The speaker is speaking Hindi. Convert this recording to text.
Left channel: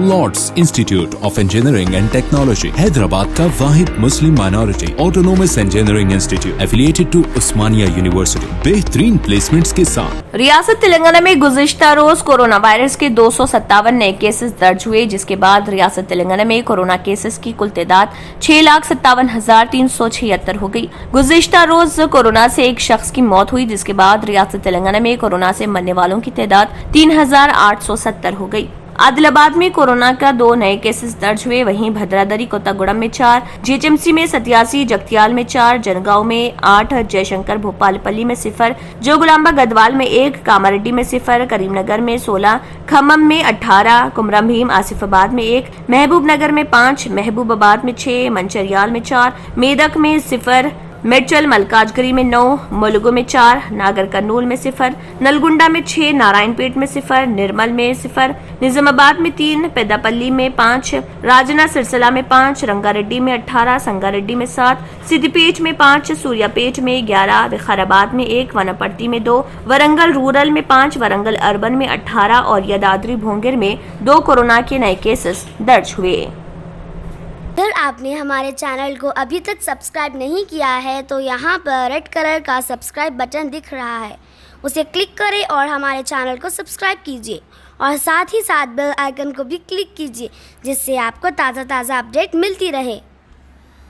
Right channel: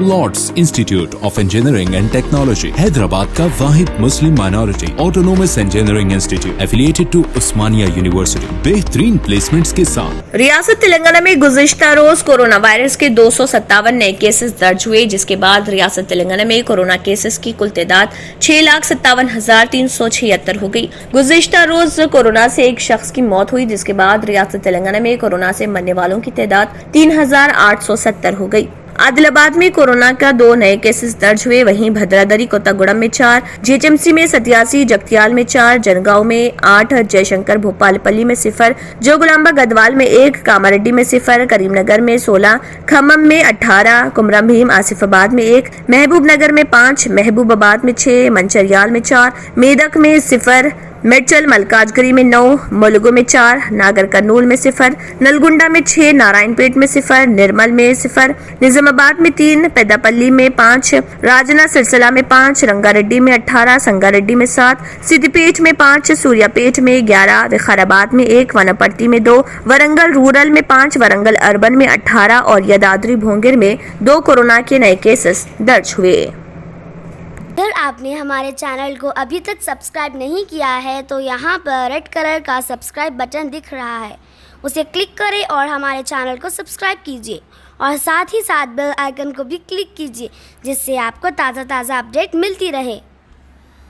Lord's institute of engineering and technology Hyderabad का वाहिद Muslim minority autonomous engineering institute affiliated to Osmania university बेहतरीन प्लेसमेंट्स के साथ। रियासत तेलंगाना में गुज़िश्ता रोज कोरोना वायरस के 257 नए केसेस दर्ज हुए, जिसके बाद रियासत तेलंगाना में कोरोना केसेस की कुल तादाद 6,57,376 हो गई। गुज़िश्ता रोज कोरोना से एक शख्स की मौत हुई, जिसके बाद रियासत तेलंगाना में कोरोना से मरने वालों की तादाद 3,870 हो गई। आदिलाबाद में कोरोना का 2 नए केसेस दर्ज हुए, वहीं भद्रादरी कोत्तागुड़म में 4, जीएचएमसी में 87, जगतियाल में 4, जनगांव में 8, जयशंकर भोपालपल्ली में 0, जोगुलांबा गदवाल में 1, कामारेड्डी में 0, करीमनगर में 16, खम्मम में 18, कुमरम भीम आसिफाबाद में 1, महबूब नगर में 5, महबूबाबाद में 6, मंचरियाल में 4, मेदक में 0, मेडचल मलकाजगिरी में 9, मुलुगु में 4, नागर कर्नूल में 0, नलगुंडा में 6, नारायणपेट में 0, निर्मल में 0, निजामाबाद में 3, पेदापल्ली में 5, राजना सिरसिला में 5, रंगारेड्डी में 18, संगारेड्डी में 7, सिद्दीपेट में 5, सूर्यापेट में 11, विखाराबाद में 1, वनपर्ती में 2, वरंगल रूरल में 5, वरंगल अर्बन में 18 और यदाद्री भोंगिर में 2 कोरोना के नए केसेस दर्ज हुए। अगर आपने हमारे चैनल को अभी तक सब्सक्राइब नहीं किया है तो यहाँ पर रेड कलर का सब्सक्राइब बटन दिख रहा है, उसे क्लिक करें और हमारे चैनल को सब्सक्राइब कीजिए और साथ ही साथ बेल आइकन को भी क्लिक कीजिए, जिससे आपको ताज़ा अपडेट मिलती रहे।